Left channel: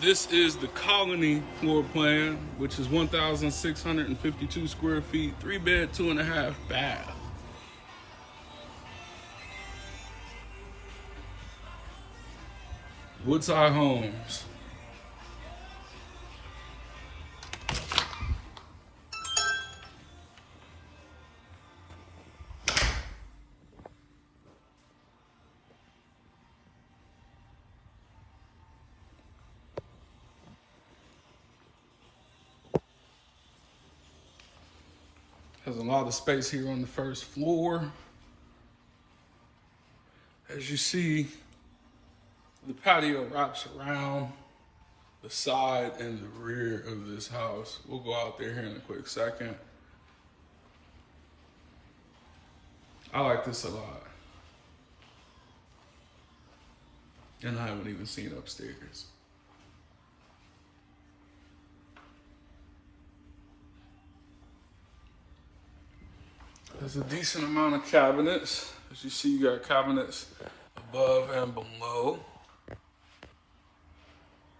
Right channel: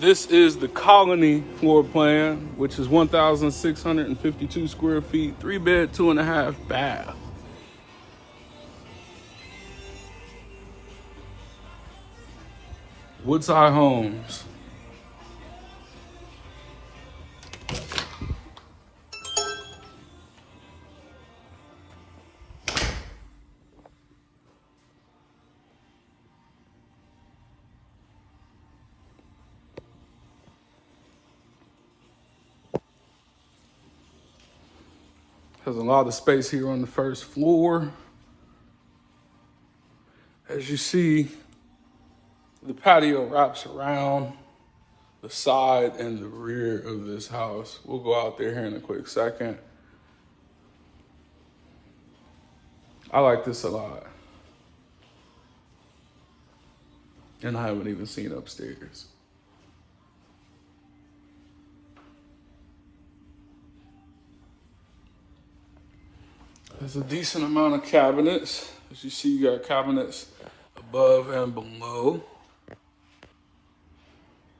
This is the Colony floor plan, which is 1,652 square feet, 3-bed, 2.5 bath. Woodside Homes. Has a lot of space here on the first floor. As you see, the patio wraps around the side and the rear of this house. We'll go out there here in a quick second. I like this a lot. And I haven't even seen upstairs. There's a decent amount of cabinets. As you see, you got cabinets above and below.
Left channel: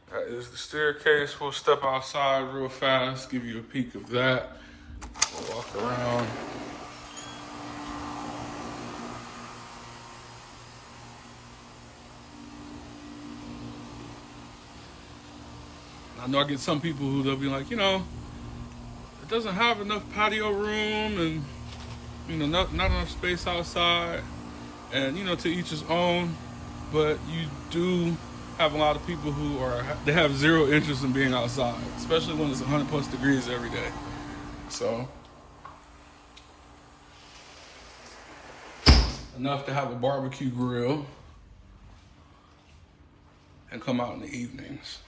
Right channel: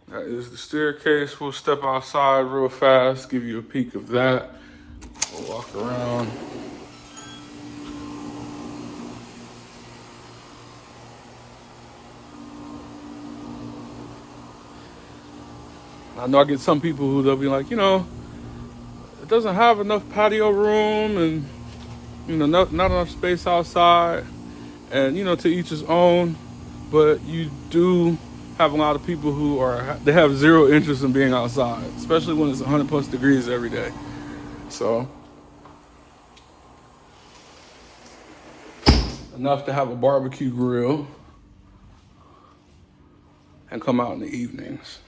That is the staircase. We'll step outside real fast, give you a peek of that. We'll walk around. I know I get some people who they'll be like, it doesn't have enough patio room and, not enough space outside. And, to each his own. But you do have a lot of people who they have zero interest in being outside, especially when it's 100 plus degrees every day. So, enough to have a barbecue grill and come out in the evenings.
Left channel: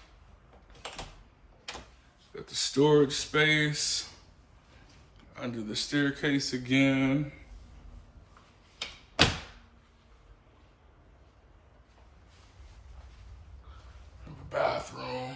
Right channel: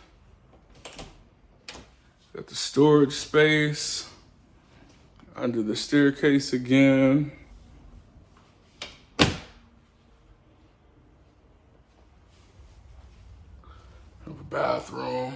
Got the storage space under the staircase again. Bathroom.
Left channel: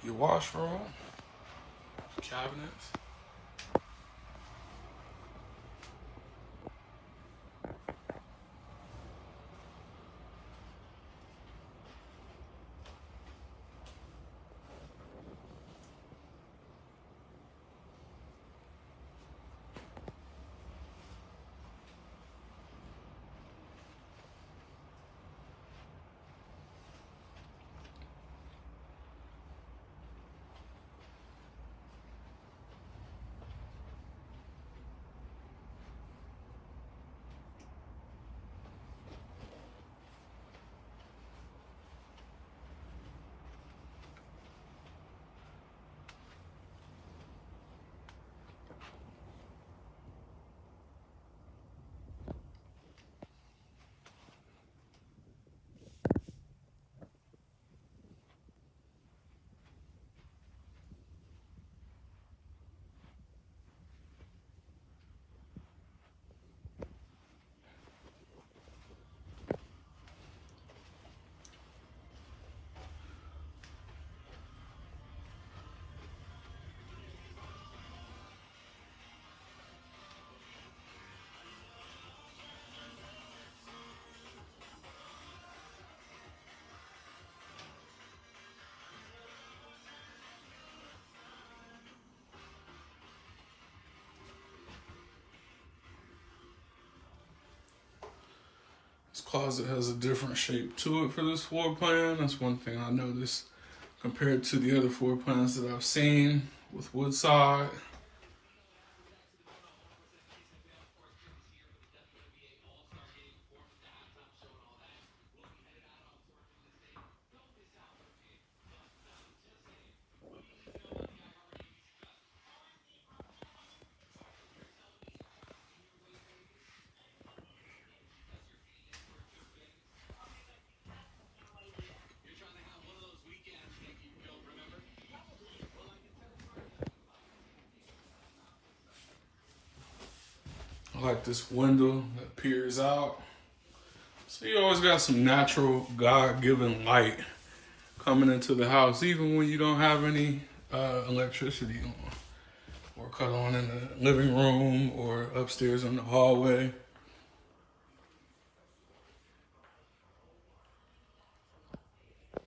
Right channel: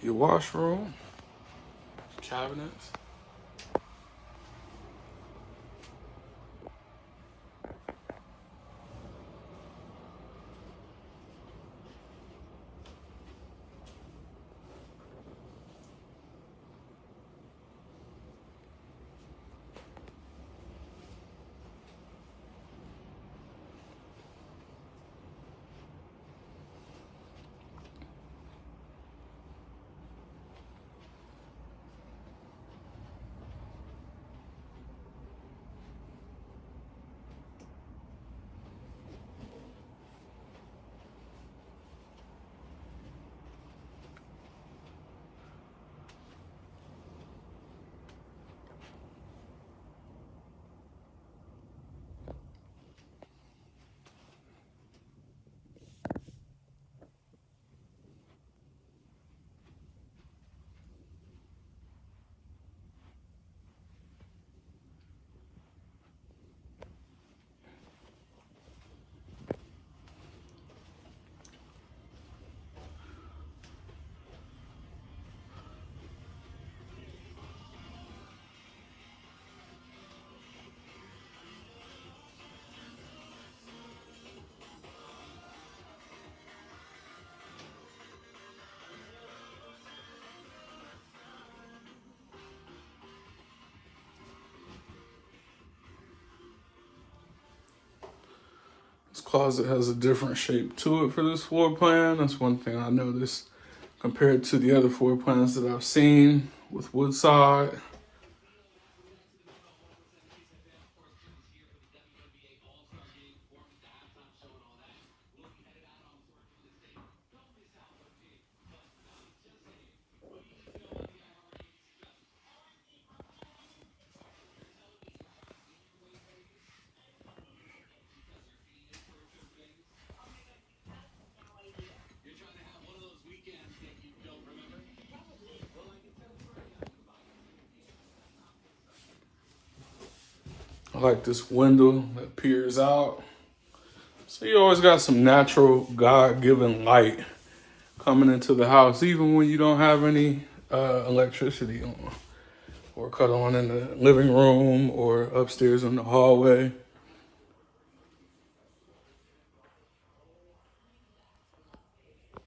Your washroom, cabinets. This closet has a different shape to it for this floor plan. That's one thing I noticed compared to the other floor plans that I've seen with Woodside. I like this window that peers out. So you always got some natural God-given light coming into the house, even when you don't have any electricity on or cut on in the living room or upstairs in the hallway.